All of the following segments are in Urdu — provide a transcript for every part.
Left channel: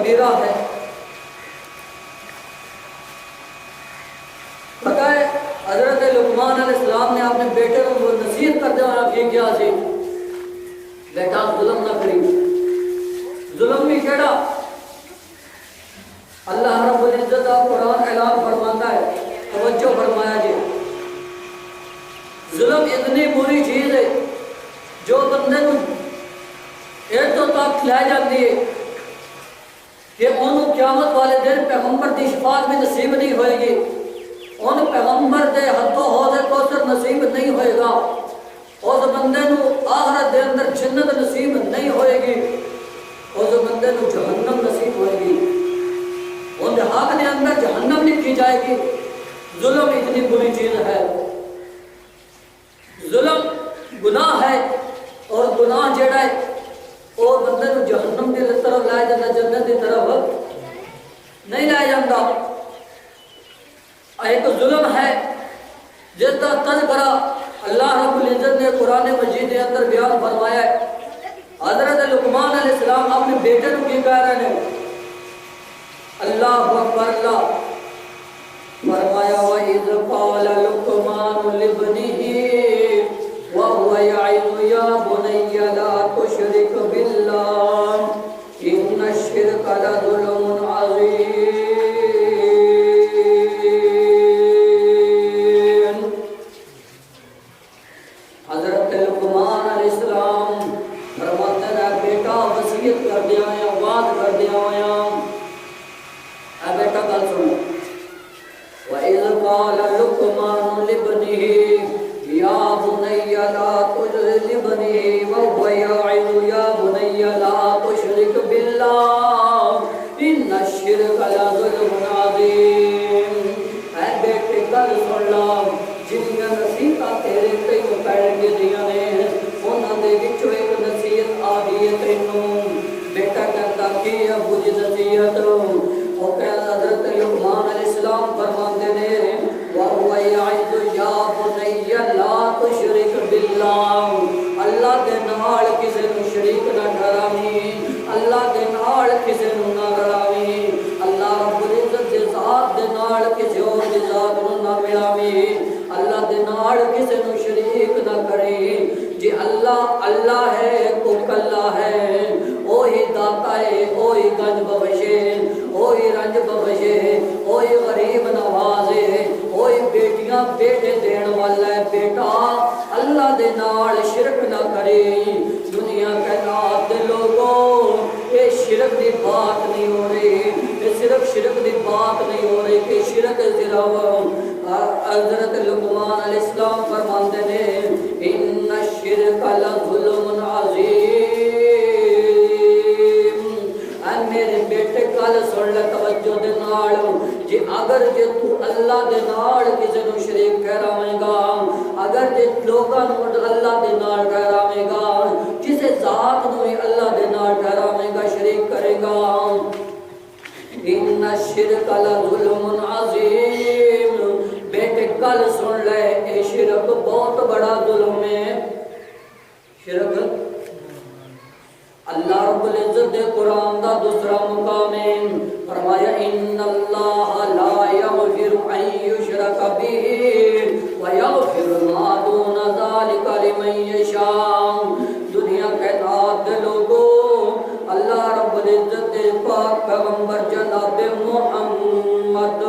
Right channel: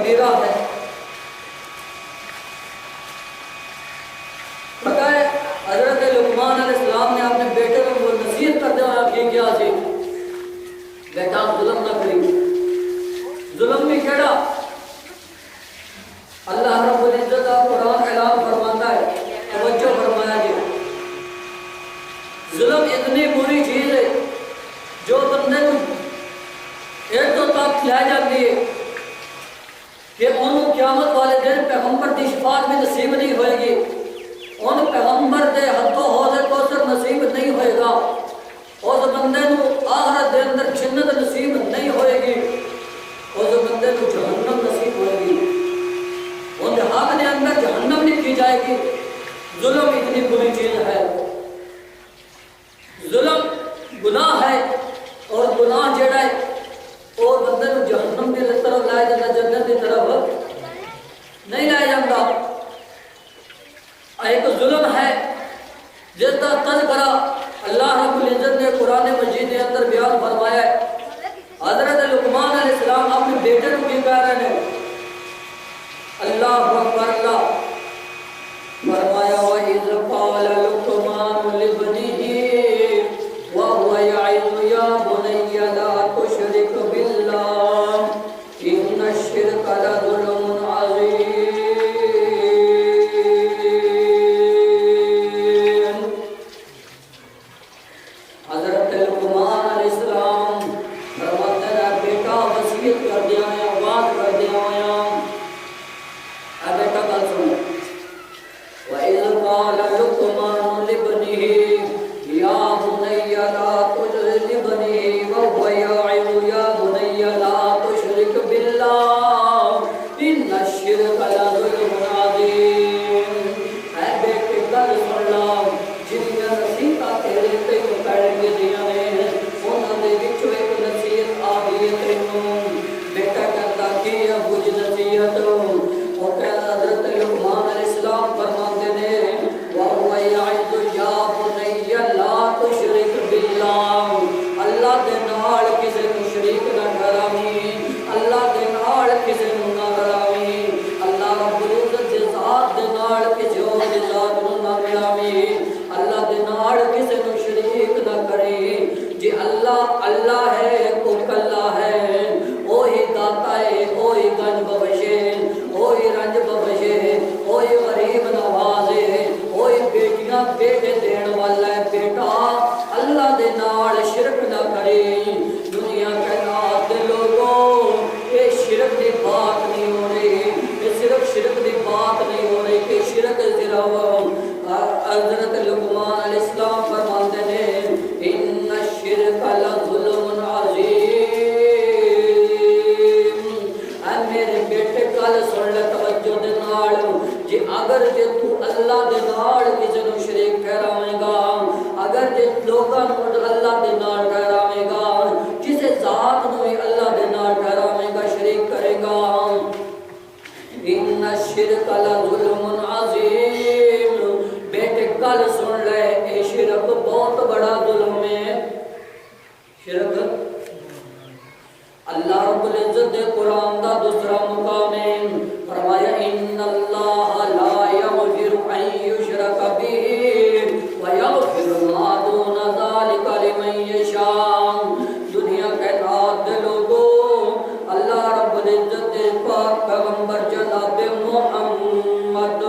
کبیرہ ہے۔ پتہ ہے حضرت لقمان علیہ السلام نے اپنے بیٹے کو نصیحت کرتے ہوئے کیا سی بیٹا ظلم نہ کری، ظلم بھی کیڑا؟ اللہ رب العزت کا قرآن اعلان فرماتا ہے، توجہ فرمایا جی، ظلم اتنی بری چیز ہے جو بندے کو اتوں تک لے جاتی ہے کہ انہوں قیامت والے دن پیغمبر کی شفاعت بھی نصیب نہیں ہوئے گی، ان پیغمبر دے حد و حوض کوثر نصیب نہیں ہوئے گا، اس بندے کو آخرت دے اندر جنت نصیب نہیں ہوئے گی، اس بندے کو جہنم نصیب ہوئے گی، ان کے حق دے اندر جہنم لکھی جائے گی۔ ظلم اتنی بری چیز ہے، ظلم گناہ ہے، اور گناہ جڑا ہے اور بندے کو جہنم کی طرف لائے جانا، جنت کی طرف نہیں لائے جاتا۔ ایک ظلم ہے جس کا تذکرہ اللہ رب العزت نے قرآن مجید کے اندر بیان فرمایا ہے۔ حضرت لقمان علیہ السلام اپنے بیٹے کو کی کہہ رہے ہیں، اللہ اکبر، اللہ فرمایا وَإِذْ قَالَ لُقْمَانُ لِابْنِهِ وَهُوَ يَعِظُهُ يَا بُنَيَّ لَا تُشْرِكْ بِاللَّهِ إِنَّ الشِّرْكَ لَظُلْمٌ عَظِيمٌ۔ حضرت لقمان علیہ السلام فرماتے ہیں بیٹا وصیت کر دیا ہے، آواز کر دیا ہے، اے بیٹا گل سنو، وَإِذْ قَالَ لُقْمَانُ لِابْنِهِ يَا بُنَيَّ لَا تُشْرِكْ بِاللَّهِ وَهُوَ يَعِظُهُ يَا بُنَيَّ لَا تُشْرِكْ بِاللَّهِ إِنَّ الشِّرْكَ لَظُلْمٌ عَظِيمٌ۔ اے بیٹے گل سن لا، جنیاں نصیحتاں تیرے تے پڑ گئیاں نے، انہاں دے وچوں ایک نصیحت آ گئی ہے تینوں۔ بیٹا کہتا کی ابو جی نصیحت؟ وہ کہتا حضرت لقمان علیہ السلام فرماندے نے وَهُوَ يَعِظُ يَا بُنَيَّ لَا تُشْرِكْ بِاللَّهِ، اللہ دے نال کسے نوں شریک نہ ٹھہراویں، اللہ دے نال کسے نوں نہ رلاویں، اللہ رب العزت دے ذات دے نال کسے اور دی ذات نوں نہ ملاویں، اللہ دے نال کسے نوں شریک نہ کریں۔ جی اللہ اللہ ہے، کو کلا ہے، وہی داتا ہے، وہی گنج بخش ہے، وہی رنج بخش ہے، وہی غریب نواز ہے، وہی بیٹیاں بیٹے دین والا ہے۔ بیٹا اللہ دے نال شرک نہ کرے۔ دنیا کے نات دے لوگوں یہ شرک دی بات نہیں ہو رہی، یہ صرف شرک دی بات نہیں ہو رہی کہ شرک صرف حضرت لقمان علیہ السلام فرماندے نے ان الشرک لظلم عظیم۔ اے میرے بیٹے گل سن لے توجہ دے نال، جی اگر جے تو اللہ دے نال کسے نوں شریک ٹھہراویں گا، اگر جے لوکاں نوں اللہ دے نال ٹھہراویں گا، کسے ذات نوں اللہ دے نال ٹھہراویں گا، شریک کرے گا، ان الشرک لظلم عظیم۔ بیٹے گل سن لے، اے شرک بہت بڑا ظلم ہے۔ شرک اللہ رب العزت دے قرآن دا دوسرا مقام ہے، فرمایا ان اللہ لا یغفر ان یشرک بہ ویغفر ما دون ذلک لمن یشاء۔ دنیا کے نات دے لوگوں، اللہ رب العزت دے پاک پیغمبر جناب محمد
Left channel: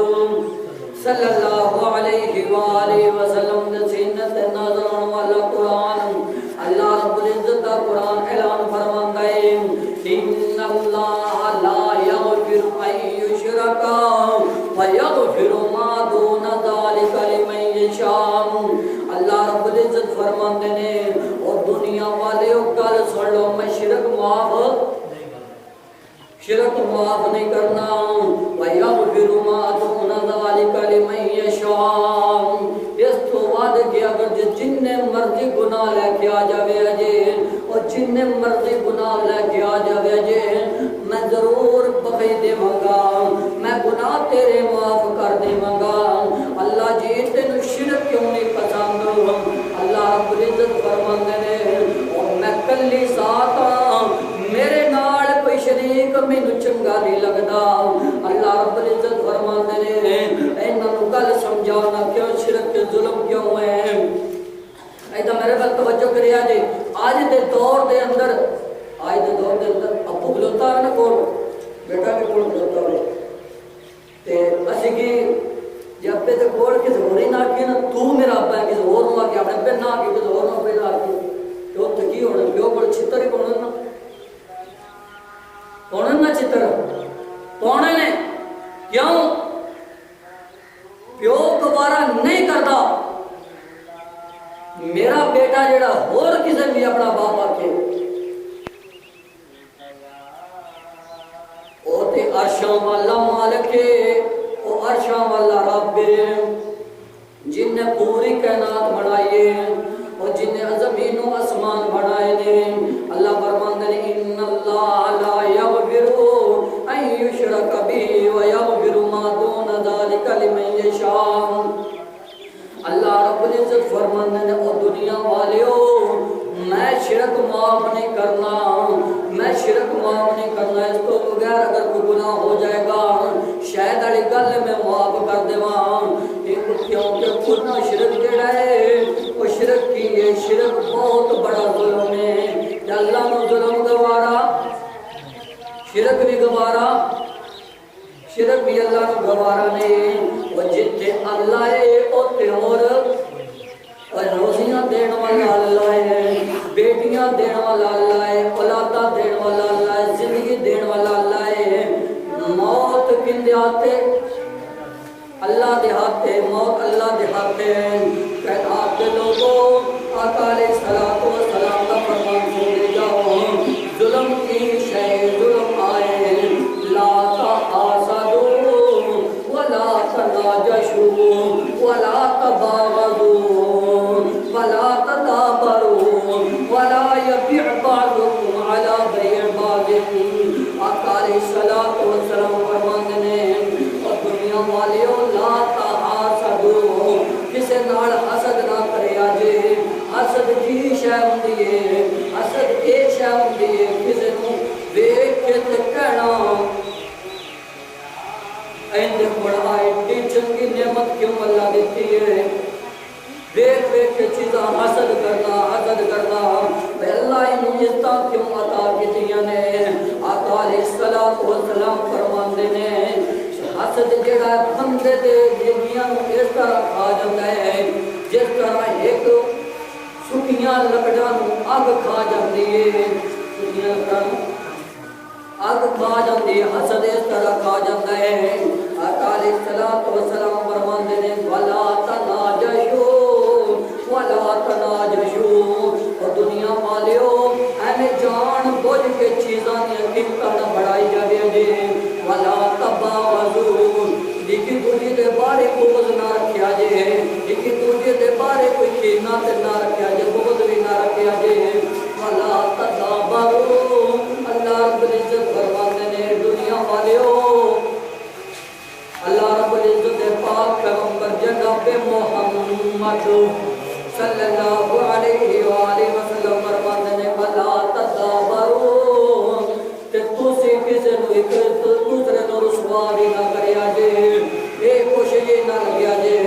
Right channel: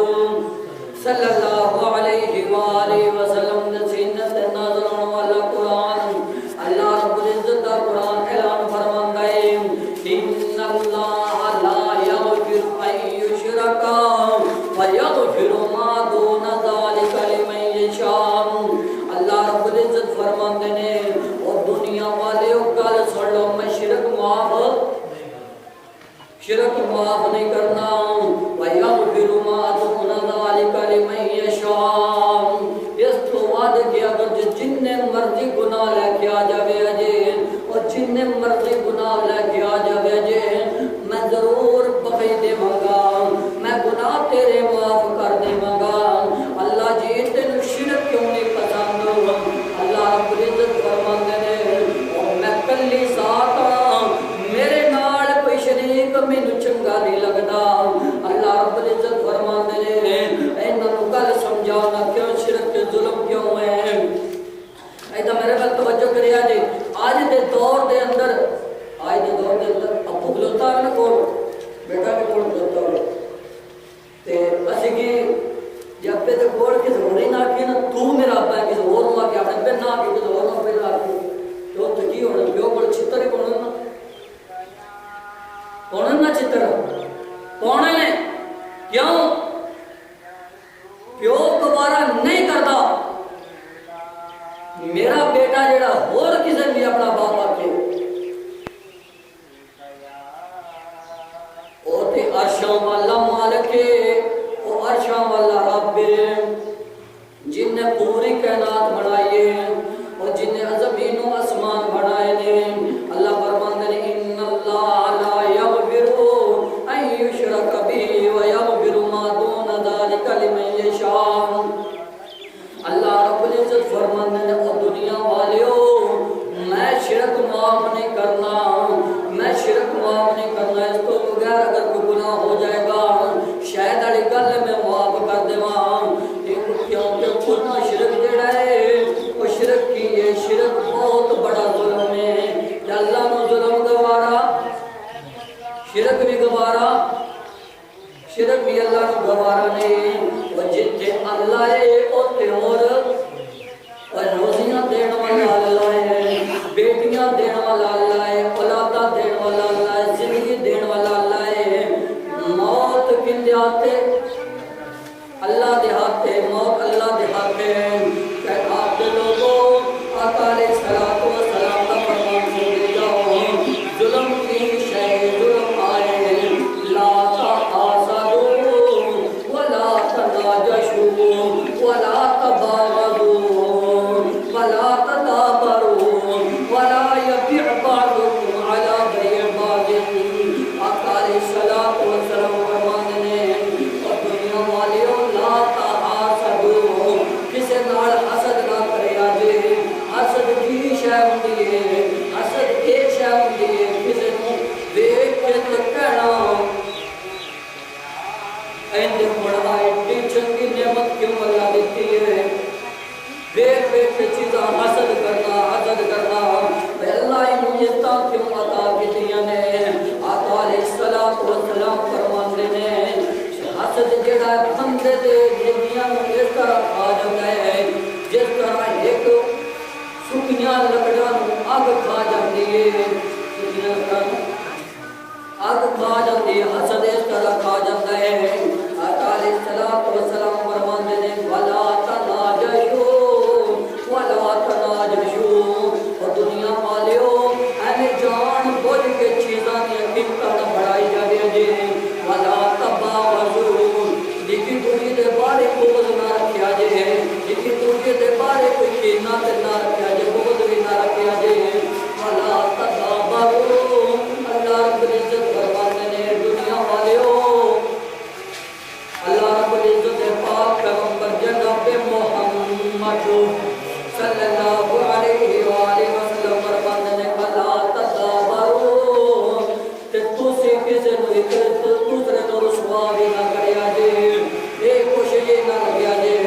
صلی اللہ علیہ وآلہ وسلم نے سینت نازل ہونے والا قرآن، اللہ رب العزت کا قرآن اعلان فرماندا ہے ان اللہ لا یغفر ان یشرک ویغفر ما دون ذلک لمن یشاء۔ اللہ رب العزت فرماندے نے اور دنیا والے گل سن لو، میں شرک معاف نہیں کرنا، وَيَغْفِرُ مَا دُونَ ذَلِكَ لِمَن يَشَاءُ۔ اس تو بعد کہ اگر جتنے مرضی گناہ لے کے آ جاوے جے، اور جتنے مرضی گناہ لے کے آ جاوے جے، میں ضرور بخش دیواں گا، میں گناہ تیرے معاف کر دیواں گا۔ اللہ جی تینوں شرک کیوں نہیں پسند؟ اللہ رب العزت فرماندے نے اور میں کلی ذات ہاں، میرے نال کوئی شریک مینوں چنگا پتا نہیں لگتا. اللہ رب العزت فرماندے نے انہاں نوں گل سمجھانا کیوں شرک کے ظلم کیوں ہے. ایدا میرے بل توجہ کریا جی. آج دے دور دے اندر ابو کھلوتا ہے نا کول بیٹا بھی کول کھلوتا ہے تے اسی کی جب پہ تے کول کس ہور ہی نہ کہ نا تو میرا ابا ہے کس ہور نہ کہ اپنے پہ نہ کہ کس ہور نہ پہ نہ کہ تو کی ہونا پیو کول چھتر ہی پونے نا چھتر پونے نے کیوں پیو دوبارہ نہیں کرتا. میرا بیٹا جڑا اور کسی بھی اپنا باپ آکے او تے عرشاں والا مالک ہے, او عرشاں والا رب ہے جن نے پوری کائنات بنائی ہے اور جن نے زمین و آسمان بنائے نے. اللہ فرماندے نے ان اللہ لا یغفر ان یشرک به ویغفر ما دون ذلک لمن یشاء. اللہ رب العزت فرماندے نے او دنیا والیو میں شرک معاف نہیں کرنا, میں شرک معاف نہیں کرنا. اس تو بغیر اگر کوئی گناہ ہو جائے گا شاید اڑی گل میں معاف کر دیواں. کیونکہ خودنا شرک جڑا ہے وہ شرک کی ہے, شرک بہت بڑا ظلم ہے. کہ اللہ نو ظلم گوارا, شرک بھی گوارا, شرک بھی اللہ نو گوارا نہیں. وہ جتھے اللہ ہے اوتے اور روزیاں دین والا اللہ ہے, بیٹیاں دین والا اللہ ہے, اولاداں دین والا اللہ ہے, زندگی دین والا اللہ ہے. موت کن دے ہاتھے اللہ دے ہاتھے, موت اللہ دے ہاتھے. کہ آپ کے لوگوں آقا علیہ السلام کا فرمان سن جاؤ ظلم کی شے ظلم آئے لا تحاسدوا ولا تناجشوا ولا تباغضوا ولا تدابروا ولا يبيع بعضكم على بيع بعض. آقا علیہ السلام فرماندے نے اور دنیا والیو لا تحاسدوا کسے نال حسد نہ کریا جے. حسد کی شے ہوندی ہے, حسد اے شے ہوندی ہے کسے نوں ویکھ کے تے کہنا ایندے بڑا ایڈی چنگی نعمت کیوں اللہ دیتی ہے. دیکھ دیکھ کے چیزاں حسد کرنا, حسد کرنا اللہ انہوں عزتاں کیوں عطا کیتیاں نے. آقا علیہ السلام فرماندے نے حسد جڑا بندے دے دلیاں نوں اس طرح کھا جاندا ہے جس طرح ایک سکیاں لکڑاں نوں اگ کھا جاندی ہے. سکیاں لکڑاں اگ کھا جاندی ہے, حسد اس طرح کھا جاندا ہے. آقا علیہ السلام فرماندے نے ولا تناجشوا ولا تناجشوا. اور دنیا والیو ایویں جان بوجھ کے چیزاں دی قیمتاں نہ بڑھائی جاندی جے. ولا تباغضوا لیکن دوجے دے بارے بغض نہ رکھیا جے, لیکن دوجے دے بارے کوئی کینہ تے نہ رکھیا جے, بغض بھی نہ رکھیا جے. ولا تدابروا اللہ رب العزت فرماندے نے دنیا والیو اللہ رب العزت پاک پیغمبر جناب محمد صلی اللہ علیہ وآلہ وسلم فرماندے نے ولا تدابروا تے تسی کسے نوں ایک دوسرے نوں رسوا بھی نہ کریا جے. اے کوشش یہ نہ لگیا جے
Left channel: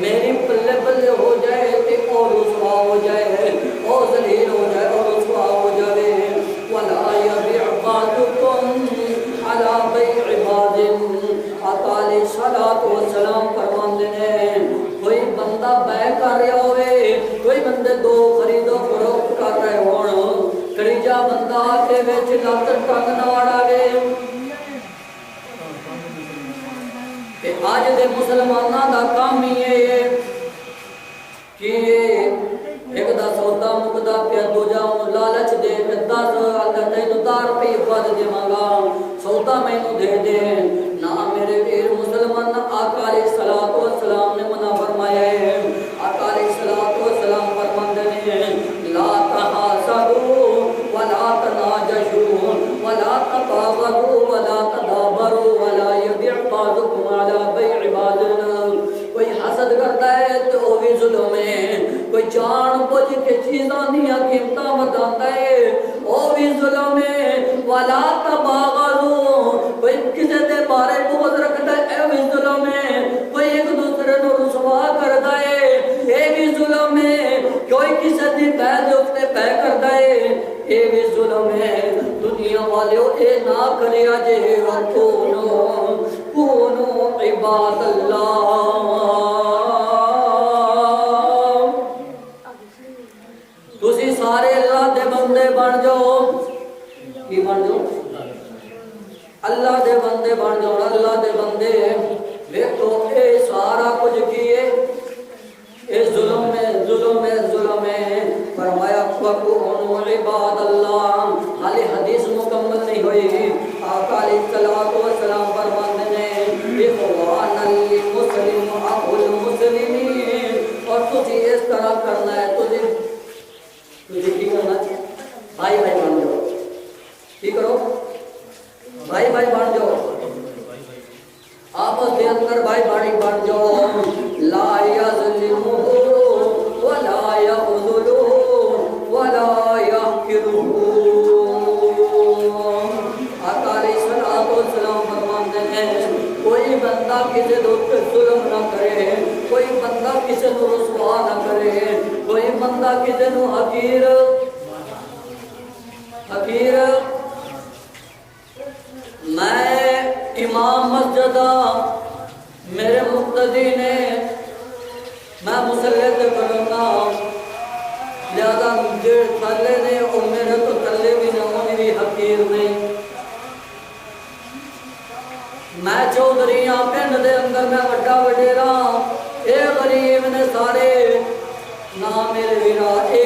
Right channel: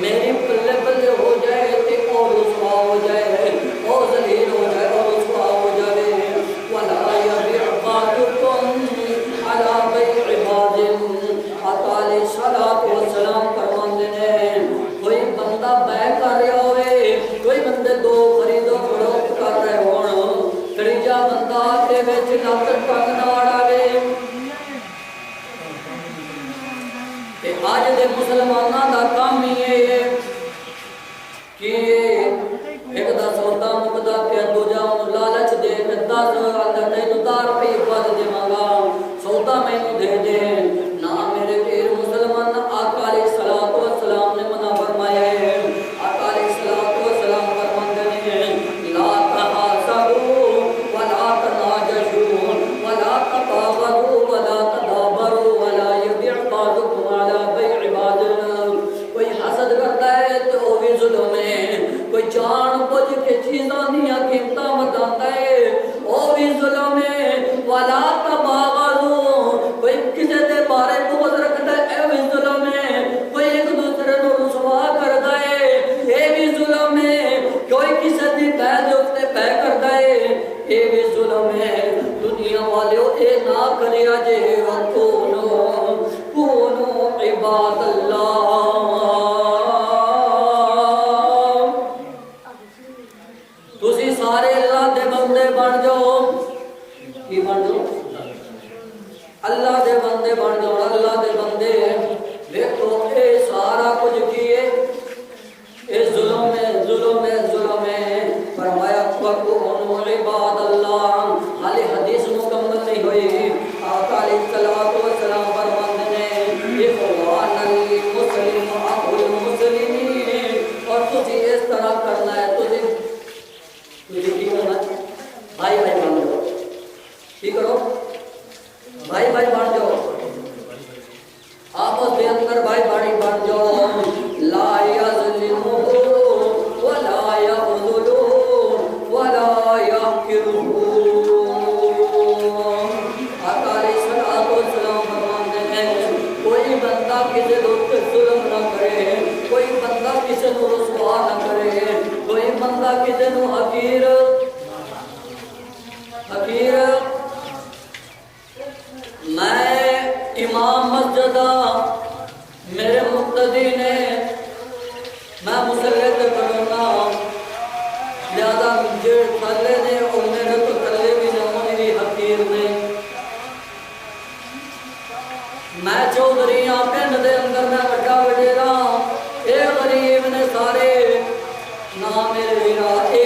میری بلے بلے ہو جائے تے اور رسوا ہو جائے, اور ذلیل ہو جائے, اور رسوا ہو جائے. ولا يبيع بعضكم على بيع بعض. آقا علیہ السلام فرماندے نے کوئی بندہ بیع کر رہا ہوئے, کوئی بندے دو خرید و فروخت کر رہے ہون, تیجا بندہ کے وچ لت ٹنگ نہ اڑاوے. تے اج دے مسلماناں دا کام ہی ہے کہ ایک دا سودا مکدا پیا دوجا اونوں لالچ دے کے 10 آندا تینوں 10 روپے ود دیواں گا, سودا مینوں دے دے. نہ میرے پیر مسلمان آقا علیہ السلام نے منع فرمایا ہے. آقا علیہ السلام فرماندے نے لا تحاسدوا ولا تناجشوا ولا تباغضوا ولا تدابروا ولا يبيع بعضكم على بيع بعض. کوئی حسد کرتا ہے تو وہ بھی ظلم ہے, کوئی جان بوجھ کے چیزاں دیاں قیمتاں وداندا ہے وہ بھی ظلم ہے. ولا تباغضوا والیو اے نہ کریا جے کونو عباد اللہ، تسی سارے اللہ دے بندے بن جاؤ، کی بن جاؤ؟ اللہ دے بندے بن جاؤ، اللہ دے بندے دیکھو اے سارا کچھ کیے اے ظلم ہے ظلم ہے ظلم ہے، فرمایا وَكُونُوا عِبَادَ اللَّهِ، حالی حدیث مکمل نہیں ہوئی، آقا علیہ السلام فرماتے ہیں اخوان المسلم اخو المسلمین، اور تجھے اس طرح کرنا ہے، تجھے کی کرنا ہے؟ بھائی بھائی بن جاؤ، کی کرو؟ بھائی بھائی بن جاؤ، آپس دے اندر بھائی بھائی بن جاؤ، لا یظلمہ ولا یخذلہ ولا یحقرہ۔ آقا علیہ السلام فرماتے ہیں کوئی بندہ کسی دوست ظلم نہ کرے، کوئی بندہ کسی کو رسوا نہ کرے، کوئی بندہ کسی کو حقیر میں امام مسجد میرے مقتدی نے میں مسلط کرنا لہذا مجھے تھلے نے اور میرے تو تھلے بھی نہ ہونے بھی حقیر نے، میں چودھریاں پنڈ دے اندر میں وڈا وڈیرا، اے غریب نے سارے نہ میرے ویرا اے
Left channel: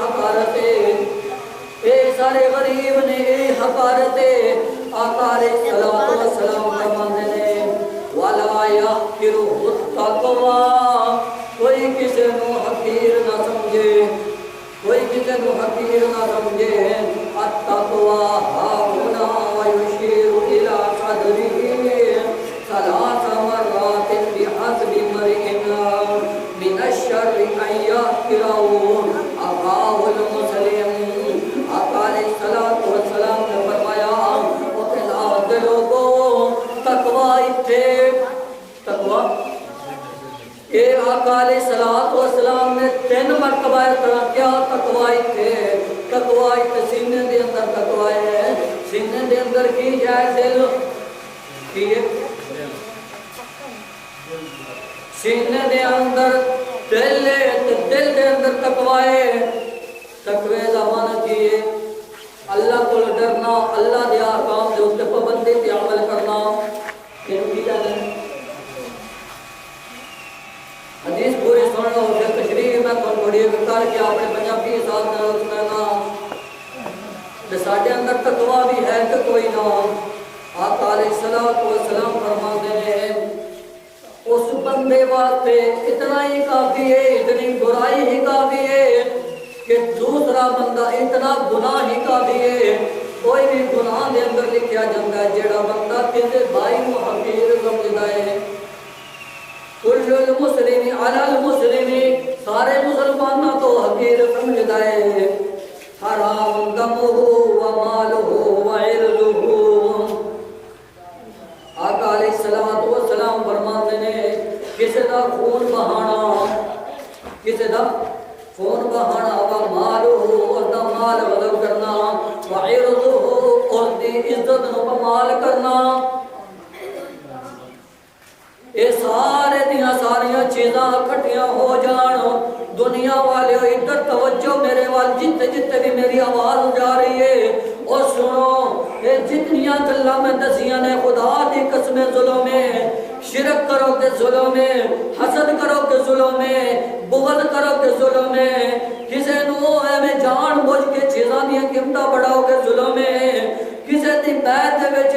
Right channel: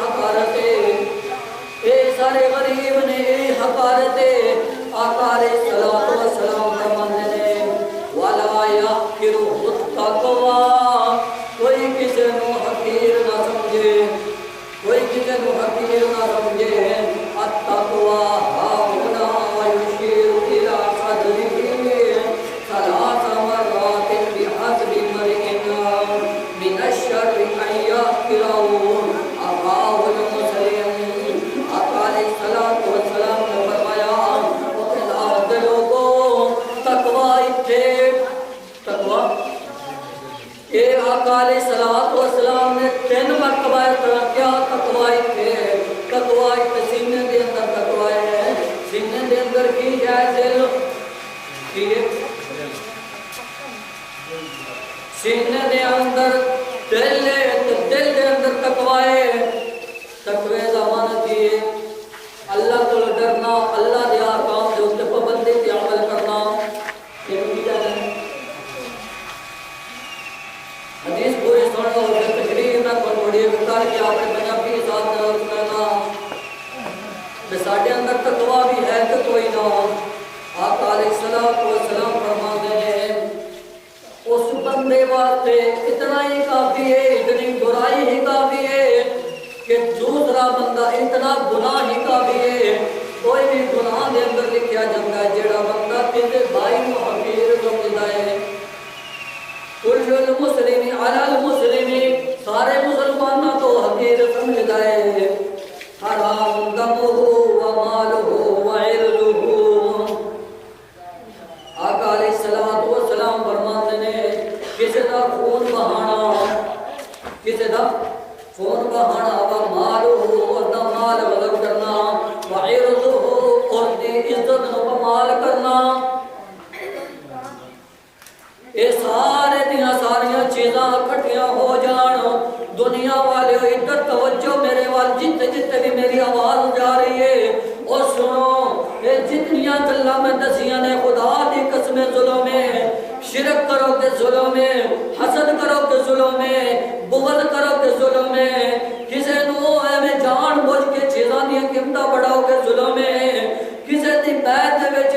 حقارت اے سارے غریب نے اے حقارت۔ آقا علیہ السلام فرماتے ہیں وَلَا يَحْقِرُهُ التَّقْوَى، کوئی کسی نو حقیر نہ سمجھے، کوئی کسی نو حقیر نہ سمجھے، التَّقْوَى هَاهُنَا وَيُشِيرُ إِلَى صَدْرِهِ ثَلَاثَ مَرَّاتٍ بِحَسْبِ امْرِئٍ مِنَ الشَّرِّ أَن يَحْقِرَهُ أَخَاهُ الْمُسْلِمَ۔ آقا علیہ السلام نے فرمایا اے آقا علیہ السلام نے 3 مرتبہ کیا تقوی تھے، تقوی سینے دے اندر تقوی ہے، سینے دے اندر کی جائے دل کی سینے دے اندر دل دل دے اندر تقوی، تقوی زمان کیے اللہ کو ڈرنا، اللہ دے احکام دے اوپر پابندی تے عمل کرنا، یہ کی جانے حدیث پوری سن لو، پھر تشریح میں تھوڑی کر کے اپنے پنجابی ساتھ نہ سنانا کہ ساڈے اندر تقوی بھی ہے کہ کوئی نہ۔ آقا علیہ السلام فرماتے ہیں اس بندے واسطے اتنا ہی کافی ہے، اتنی برائی ہی کافی ہے کہ دوسرا بندہ اتنا گناہ ہی کافی ہے، کوئی بھی گناہ دے اندر لکھیا جاتا ہے جیڑا بندہ کسی بھائی کو حقیر سمجھتا ہے، کل المسلم علی المسلم، سارے مسلمانوں تو حقیر سمجھتا ہے، حرام دمہ ومالہ وعرضہ۔ آقا علیہ السلام فرماتے ہیں کسی دا خون بہانا، کسی دا خون بہانا ومالہ، اور دا مال غلط کرنا، وعرضہ، اور دی عزت نو بمال کرنا، اے سارے دیاں ساریاں چیزاں کٹھیاں ہو جان، دنیا والے ادھر توجہ میرے وال جتے جتے بھی میری آواز جا رہی ہے، اور سنو اے جتنیاں گلاں میں دسیاں نے خدا دی قسم ظلم ہے، شرک کرو کہ ظلم ہے، حسد کرو کہ ظلم ہے، بغض کرو کہ ظلم ہے، کسے نو ایویں جان بوجھ کے چیزاں دیاں قیمتاں بڑھاؤ کہ ظلم ہے، کسے دی بیعت دے وچ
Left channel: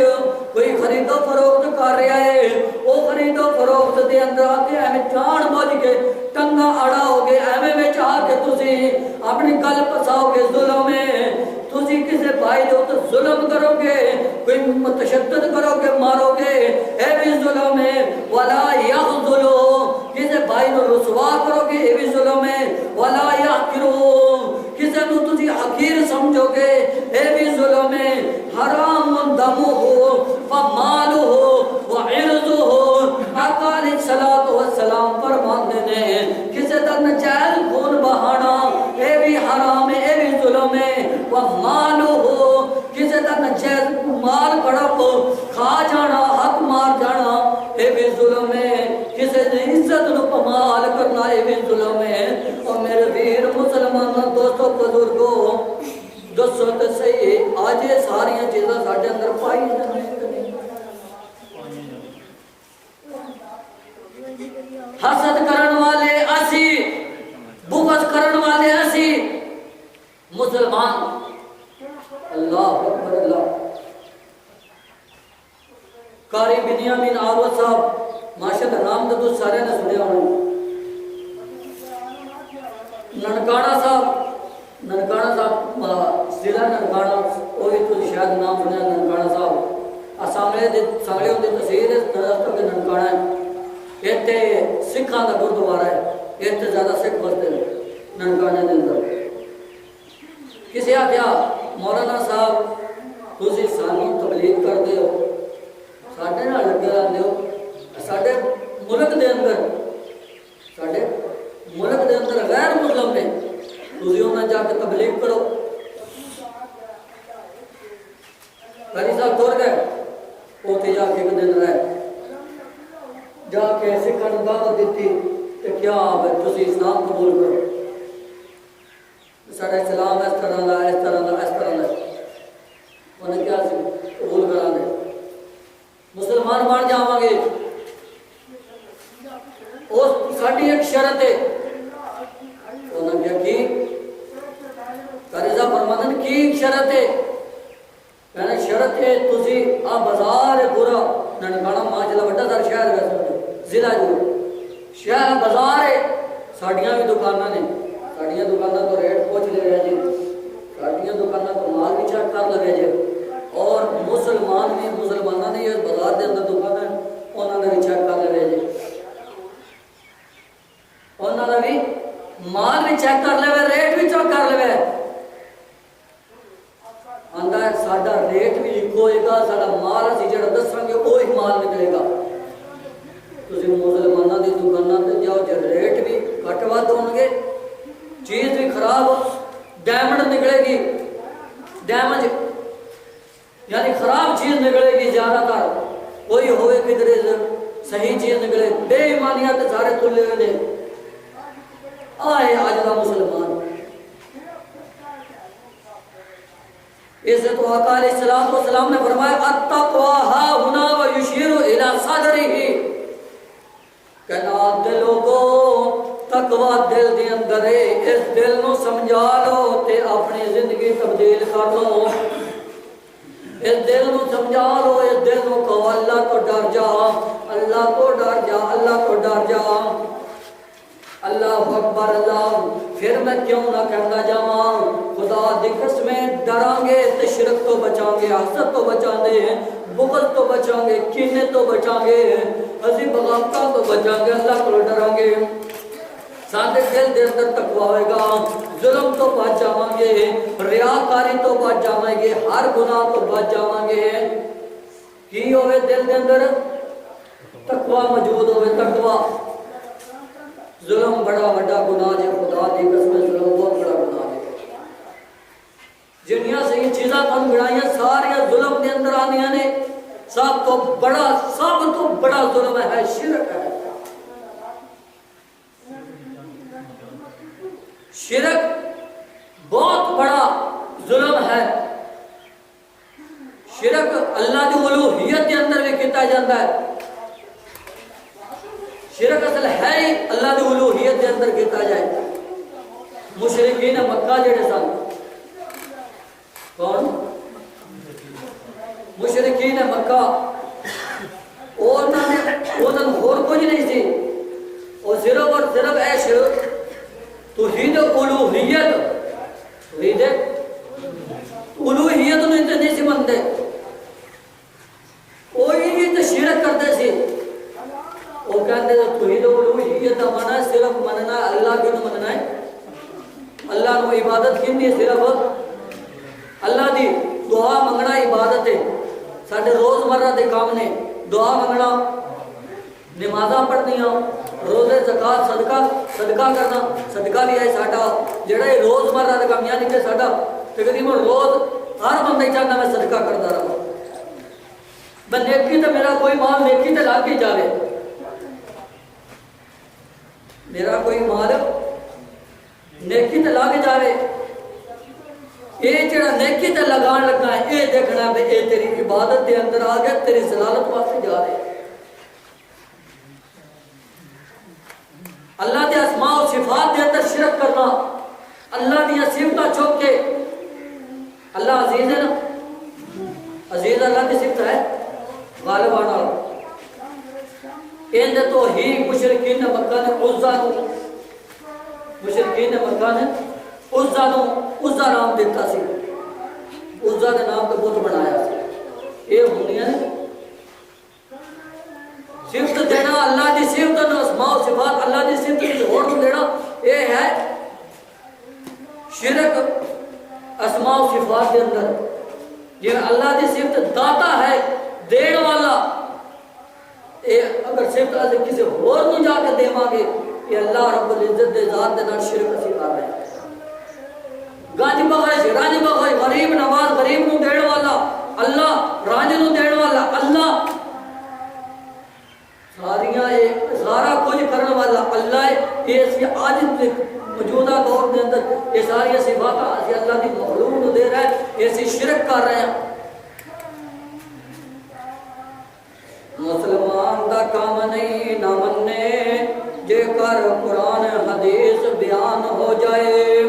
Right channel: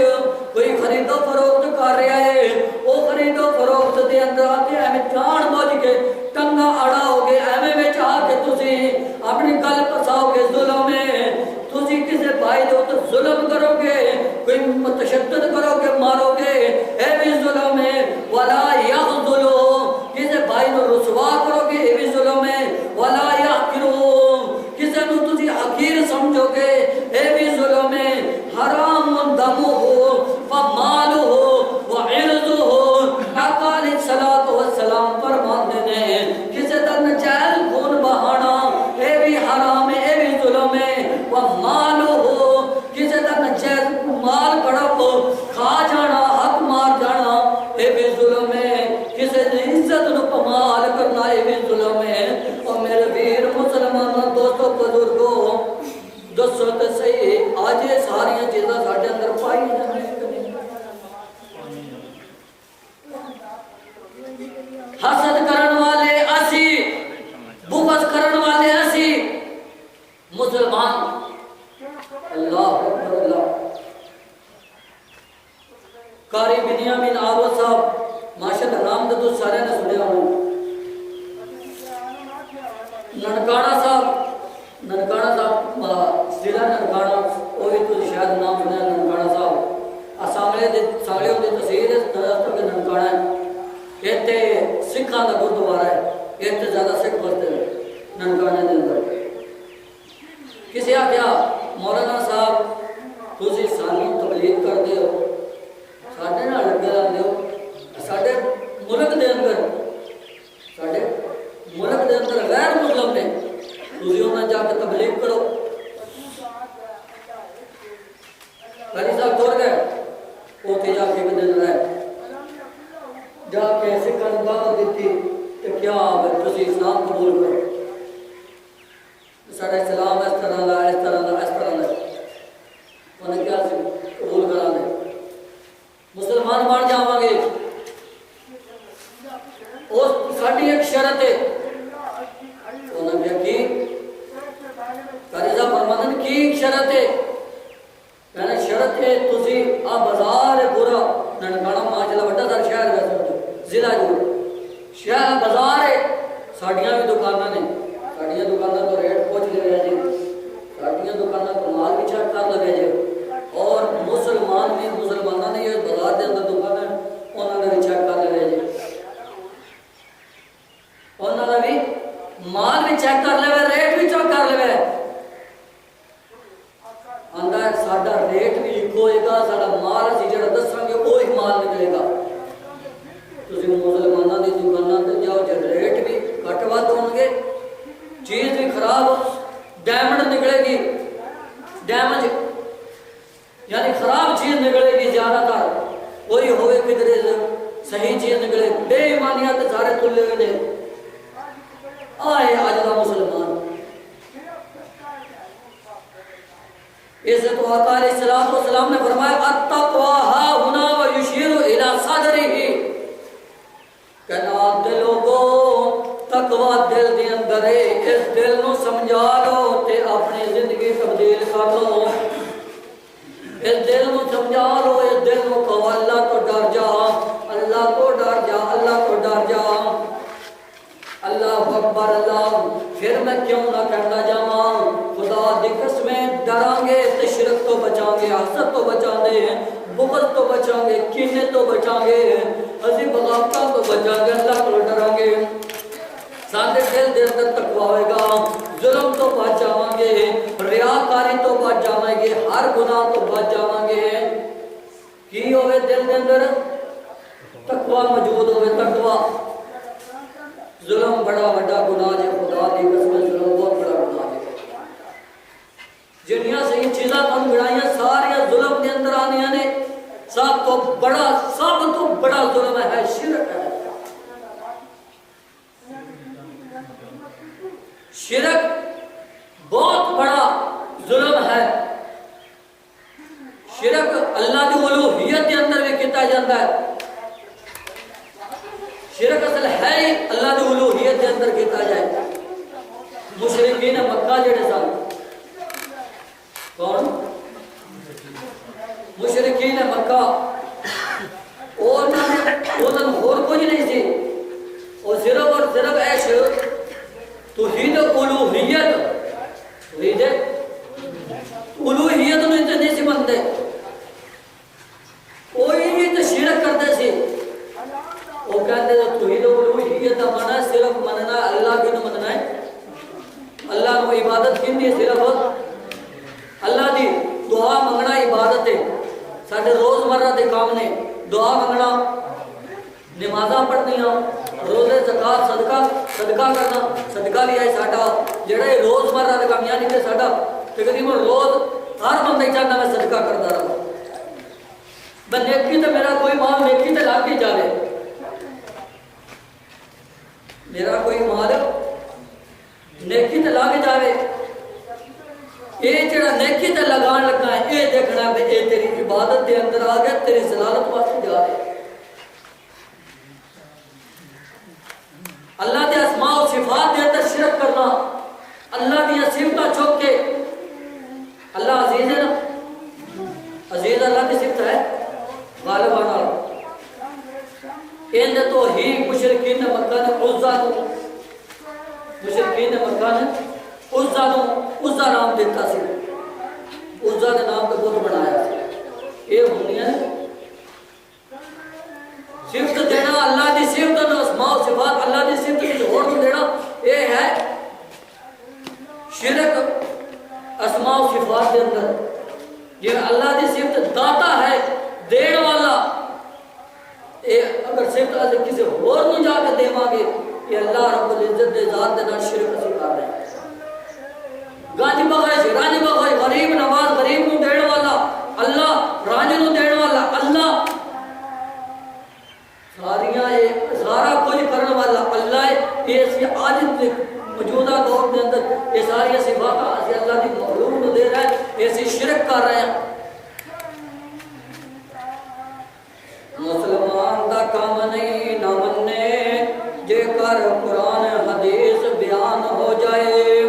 کوئی خرید و فروخت کر رہا ہے، وہ خرید و فروخت دے اندر آ کے ایویں جان بوجھ کے ٹنگا اڑاؤ گے، ایویں وچ آ کے تسی اپنی گل پساؤ گے، ظلم ہے، تسی کسے بھائی دے اوپر ظلم کرو گے، کوئی متشدد کرو گے، مارو گے، اے بھی ظلم ہے، ولا یخذلو، کسے بھائی نو رسوا کرو گے، اے بھی ظلم ہے، ولا یحقرو، کسے نو تسی حقیر سمجھو گے، اے بھی ظلم ہے، حرام دمہ ومالہ وعرضہ۔ آقا علیہ السلام فرماتے ہیں کسے دا نجائز خون بہانا اے بھی حرام ہے، اے بھی ظلم ہے، ومالہ، کھا جانا حق مار جانا اے بھی ظلم ہے کسی نے عزت نو پمال کرنا اے بھی ظلم ہے اور میرے ویر مسلمان دوستو بزرگوں دسو تے صحیح آج یہ ساری چیزاں ساڈے اندر پائی جاندے حسد کرن والے اسی بغض کرن والے اسی مسلمان اللہ اکبر اللہ قاری بنیامین آلو صاحب ماشاءاللہ نام تو سارے نے سنیا ہونا ننکانہ صاحب ضلع ننکانہ وہ بھی تو شاید نام سنیا ننکانہ صاحب سامنے ہوندی تحصیل ہے درستوں کے ننکانہ ہے ایتھے سکھاں دا گردوارا ہے ایتھے زیادہ سکھ بستے ہیں ننکانے دے اندر کسی آخیا مولانا صاحب تسی سانوں تبلیغ کر دے ہو ساڈے نال لگے رہندے ہو ساڈے ملک دے اندر غیر مسلم نے تسی انہاں جا کے تبلیغ کرو قاری صاحب ٹر گئے اوتھے جا کے ایک دن رہے جا کے سکھاں نوں دعوت دتی تے کیا تسی اسلام قبول کرو ساڈا اسلام اس طرح دا انہیں کیا قبول کرا دے مسلمان بن جاواں گے اس ساڈی ایک شرط ہے انہیں کیا کی قاری صاحب فرماندے کی شرط ہے کہنا شرط ہے تسی آ بازار پورا ننکانہ ماشاءاللہ بڑا سارا شہر ہے ضلع جو شہر بازار ہے ساڈیاں بھی دکاناں نے ساڈیاں دکاناں تو ریٹ پوچھ لے رہے جی ساڈیاں دکاناں تو مال بھی چیک کر لگے جی اور مسلمانوں نے یہ بازار دے اندر دکان ہے انہوں نے بھی چیک کر لے جی انہوں نے بھی مال بھی چیک کر لے ریٹ بھی چیک کر لے آندا ہے ساڈا ریٹ بھی ایک ہوئے گا ساڈا مال اسی جڑا دساں گے وہی مال نکلے گا تسی مسلمانوں دی دکاناں تے جاؤ جے ریٹ بھی گھٹ ود ہون گے چیز بھی خراب ڈیمنڈ نکلے گی ڈیمج یعنی خراب چیز نکلے گی زیادہ تر کوئی ہوئے کدھر صحیح چیز نکلے بے ایمانیات سارے تلے گئے آئے آج کا مسلمان اسے تو آقا علیہ السلام نے فرمایا التقوی ہا ہنا و یشیر الی صدرہ کہنا دلوں کو تقوی دل دے اندر ہے اس دل نو سمجھا لو تے اپنی زندگی تبدیل کر لو اس دل نو سمجھا لو اس دل نو کہو اللہ تو ڈر جا اللہ تو ڈر جا اللہ تو ڈر جا اللہ اکبر اللہ پھر میں کیوں نہ کہتا جاواں خدا دی قسمیں ڈران گے تے شرک تو بچان گے حسد تو بچان گے بغض تو بچان گے کینے تو بچان گے اسی بغاوتاں تو بچان گے اللہ کو ڈران گے ساڈے دل دے اندر تقوی ہوئے گا ظلم تو بچ جاواں گے ریاکاری تو بچ جاواں گے ہر گناہ تو بچ جاواں گے کی ہوئے دل دے اندر تقوی موجود ہوئے تقوی ظلم بڑا بڑا گناہ ہے خدا دی قسم ظلم بہت بڑا گناہ ہے جنیاں سے یہ چیزاں تم گڑائیاں سارے ظلم دے اندر آنیاں نے سب تو بڑا ظلم ہے شرک ہے شرک بہت بڑا ظلم ہے شرک اللہ کی الوہیت کے اندر بھی کیتا جاتا ہے شرک اصل ہے ہی اللہ کی الوہیت کے اندر کیتا جائے مشرکین مکہ جڑے سن کون مشرکین مکہ انہوں نے اور کچھ نہیں سی اور صرف ایش توحید الوہیت توحید الوہیت نو تے نہیں سی منتے کوئی بھی تے شرک کرتے سی وہ کہتے ہیں توحید الوہیت دا معنی صرف مننا اللہ کی نو مننا ہے اللہ نو عبادت کی صرف اللہ دی دعا منگنا عبادت ہے ساڈے روزمرہ دے کام نے دعا منگنا نمازاں پڑھنیاں روزے زکات صدقہ کرنا صدقہ بھی ہے ساڈا جڑا روزمرہ دے کام یعنی کہ ساڈا تقریباً روز ہر بندہ چاہتا میں صدقہ کرتا رہا نیکی تے میرا کوئی مال نیکی تے لا کے جاوے، میرا کوئی مال نیکی تے لا کے جاوے، یہ جڑا نیکی تے لگان لگا ہے یہ دیکھنا ہے یہ تیری عبادت دے اندر آ گیا، تیری ضلالت واسطے جا رہے۔ اللہ دے اسماء و صفات دے اندر شرک کرنا، اللہ دی صفتاں چوک کے، اللہ عزیز ہے نا، عزیز اللہ کی صفت ہے غالبانہ، ان تو ہی مشرکین مکہ نے عزا نو، مشرکین مکہ نے عزا نو عزا نام دیتا سی، عزا دے نام تو بت بنایا سی۔ یہ ہونی ہے صفت دینا اللہ دی صفت نو، اسماء و صفات اللہ دی صفت کسی اور کو دینا، یہ ہے شرک اسماء و صفات کے اندر۔ جی اللہ دی صفت داتا ہے، دین والا، اگر صفت آج کسی اور نو جا کے دے مانگے، یہ اللہ رب العزت دے ذات دے نال شرک اسی کر رہے ہیں۔ گانج بخش، رانج بخش، غریب نواز، غریب نو دین والا اللہ، رانج نو دین والا اللہ، سارا کچھ کرنے والا اللہ ہے۔ یہ اسی آج موجودہ دور کے اندر یہ ساری صفات اسی اللہ کی مخلوق نو دے رہا ہے، یہ اسی شرک کر رہے ہیں۔ مسلمان دا کام نہیں نہ مننے جے کر قرآن حدیث بیان ہو جائے،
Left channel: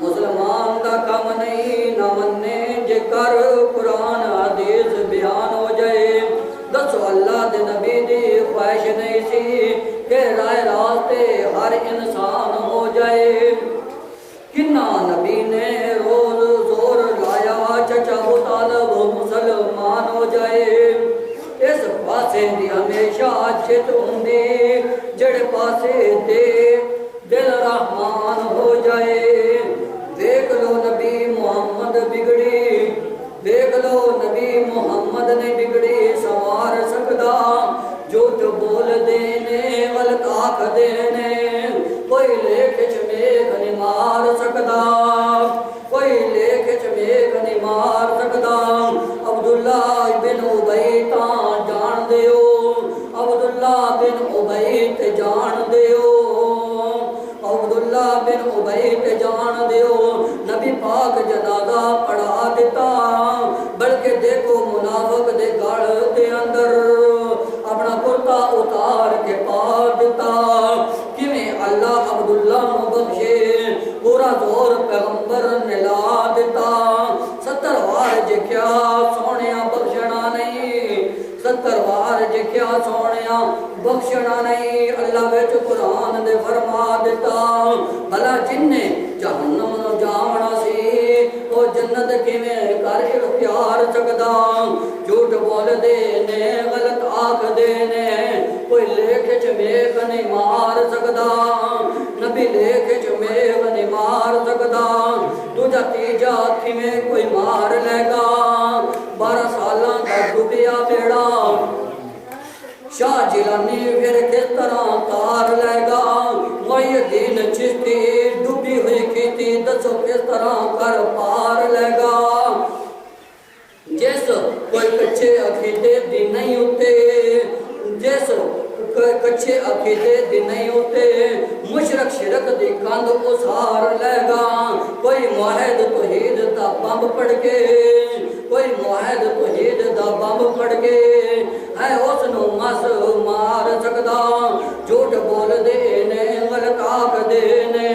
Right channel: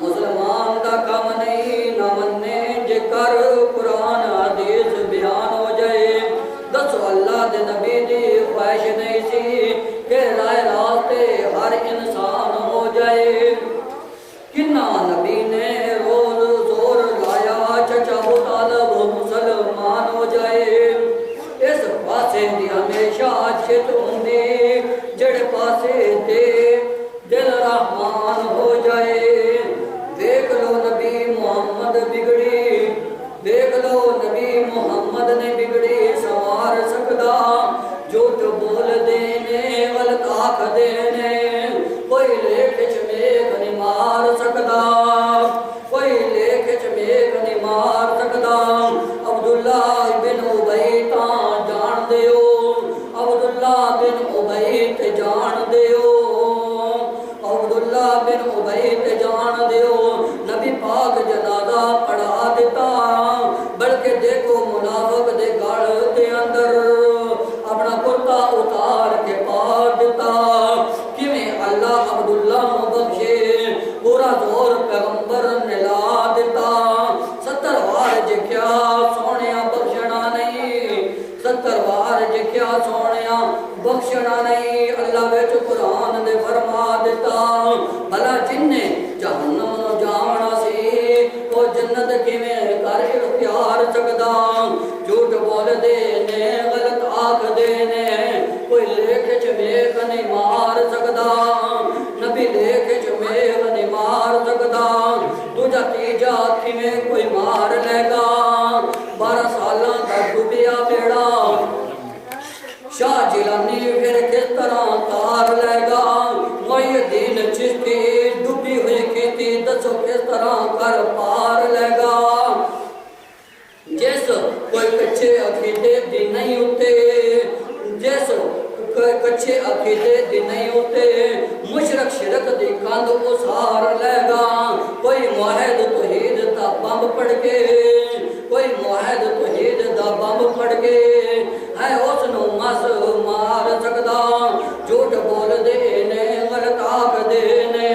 مسلمان دا کام نہیں نہ مننے جے کر قرآن حدیث بیان ہو جائے۔ دسو اللہ دے نبی دی خواہش نہیں سی کہ رائے راستے ہر انسان ہو جائے، کنہ نبی نے روز زور لایا چچا ابو طالب مسلمان ہو جائے۔ اس پاسے دی ہمیشہ چت ہوندی جڑے پاسے دے دل رحمان ہو جائے۔ دیکھ لو نبی محمد بگڑی، دیکھ لو نبی محمد نے بگڑی سوار سکدا، جھوٹ بول دینے غلط آکھ دینے کوئی لیکھ چمیک نہیں مار سکدا، کوئی لیکھ چمیک نہیں مار سکدا۔ عبداللہ بن ابی تاں جان دیو، عبداللہ بن ابی تے جان دیو، عبداللہ بن ابی تے جان دیو۔ نبی پاک جنازہ پڑھا دیتا، بلکہ دیکھو منافق دے گڑ دے اندر اپنا کرتا اتار کے پار دیتا، کیویں اللہ عبداللہ نو بخشے، پورا زور پیغمبر نے لا دیتا۔ 70 وار جکیا سونیا بخشنا نہیں، 70 وار جکیا سونیا بخشنا نہیں، اللہ وچ قرآن دے فرما دیتا، بھلا جن نے جہنم نو جاونا سی وہ جنت کیویں کر اختیار سکدا۔ جھوٹ بول دینے غلط آکھ دینے کوئی لیکھ چمیک نہیں مار سکدا، نبی لیکھ چمیک نہیں مار سکدا۔ دوجا تیجا کیویں کوئی مار لے گا، 12 سالاں دا ڈوبیا بیڑا شاہ جیلانی پھر کس طرح تار لے گا، محی الدین چشتی ڈوبی ہوئی کیتی دسو کس طرح کر پار لے گا۔ جیسو کوئی کچھے عقیدے دی نہیں ہوتے، جیسو کوئی کچھے عقیدے دی نہیں ہوتے، مشرک شرک دی کند اسار لے گا، کوئی موحد توحید دا بمب پڑ کے، کوئی موحد توحید دا بمب پڑ کے ہے اس نو مس مار سکدا۔ جھوٹ بول دینے غلط آکھ دینے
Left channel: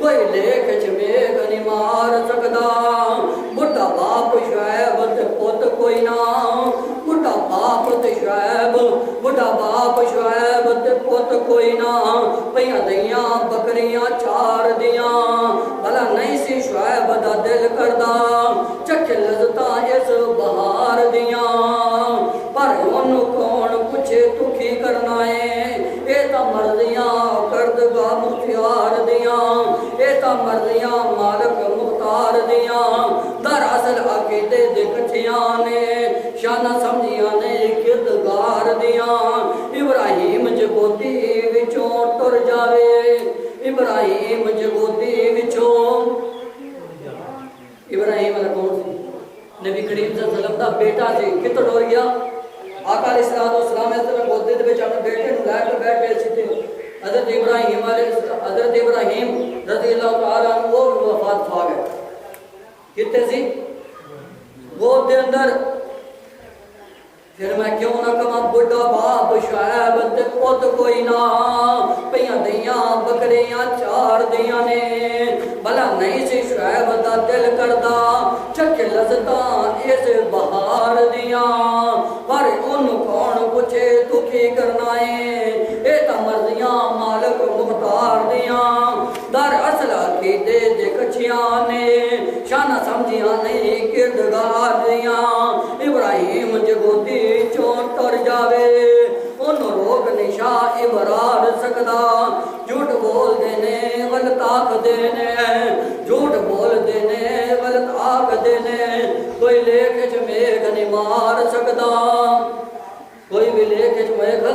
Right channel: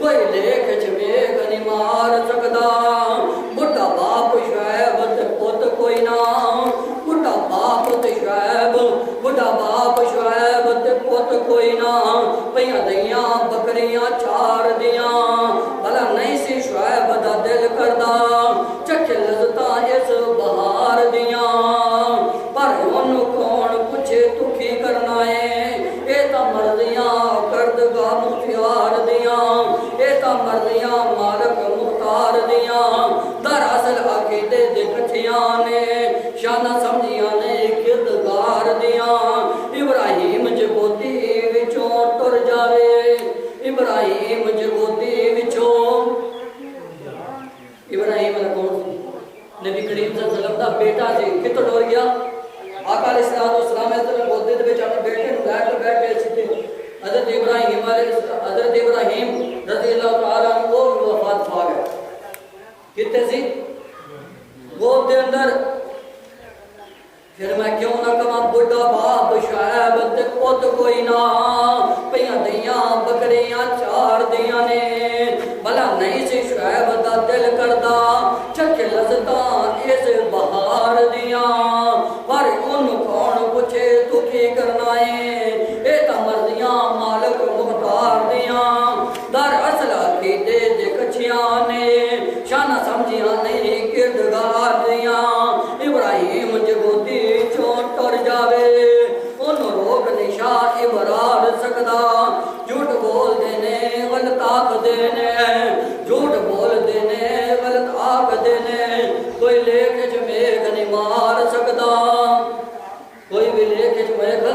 کوئی لیکھ چمیک نہیں مار سکدا۔ بڑا باپ شعیب تے پت کوئی نہ، بڑا باپ تے شعیب، بڑا باپ شعیب تے پت کوئی نہ، پیاں دیاں بکریاں چار دیاں، بھلا نہیں سی شعیب دا دل کردا چکھ لذتاں اس بہار دیاں، پر انہوں کون پوچھے تو کی کرنا ہے، اے تا مرضیاں کردگاہ مختار دیاں، اے تا مرضیاں مالک مختار دیاں، دراصل عقیدے دے کٹھیاں نے شانہ سمجھیاں نے کردگار دیاں۔ ابراہیم جگودی وچوں ٹر جاوے، ابراہیم جگودی وچوں، ابراہیم اللہ کون سی نبی کریم صلی اللہ علیہ وسلم دا بیٹا جی کتوں ڈور گیا آقا علیہ السلام اس طرح گودے دے وچ اپنے بیٹے نوں لے کے بیٹھ گئے سی حضرت ابراہیم رضی اللہ تعالیٰ عنہ وہ وفات پا گئے کتے سی گود دے اندر پھر میں کیوں نہ کما بڑھا باپ شعیب تے پت کوئی نہ پیاں دیاں بکریاں چار دیاں نے بھلا نہیں سی شعیب دا دل کردا چکھ لذتاں اس بہار دیاں پر ان کون پوچھے تو کی کرنا ہے اے تا مرضیاں مالک مختار دیاں در اصل عقیدے دے کچھیاں نے شانہ سمجھیاں نہیں کردگار دیاں ابراہیم جگودی چون ٹر جاوے ان روک نشا ابرار سکدا جھوٹ بول دینے غلط آکھ دینے جھوٹ بول دینے غلط آکھ دینے کوئی لیکھ جمیغ نہیں مار سکدا کوئی بھی لیکھ جمیغ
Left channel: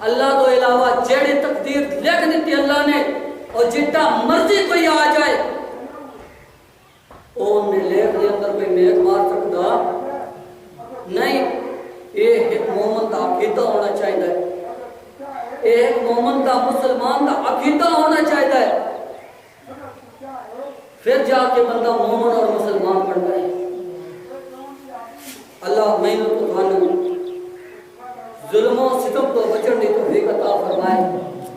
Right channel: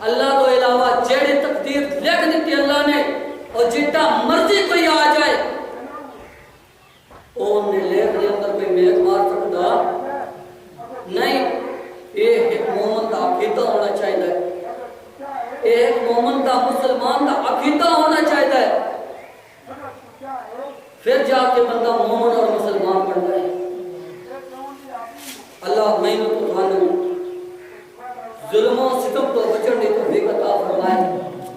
اللہ تو علاوہ جیڑی تقدیر لکھ دیتی اللہ نے اور جتنا مرضی کوئی آ جائے ان نے لیکھ دے اندر کوئی میغ مار سکدا نہیں یہ ایک مومن دا عقیدہ ہونا چاہیے ایک مومن دا مسلمان دا عقیدہ ہونا چاہیے پھر جا کے بندہ مومن اور مسلمان بن جائے اللہ میں تو تھانوں ظلم و ستم تو بچن دی توفیق عطا فرمائے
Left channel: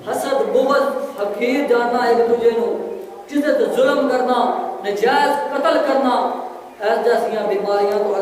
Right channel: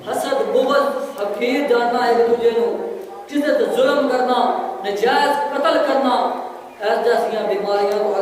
حسد بغض حقیر جاننا ایک دوسرے نو کسی تے ظلم کرنا نجائز قتل کرنا ایس جیسیاں بیماریاں تو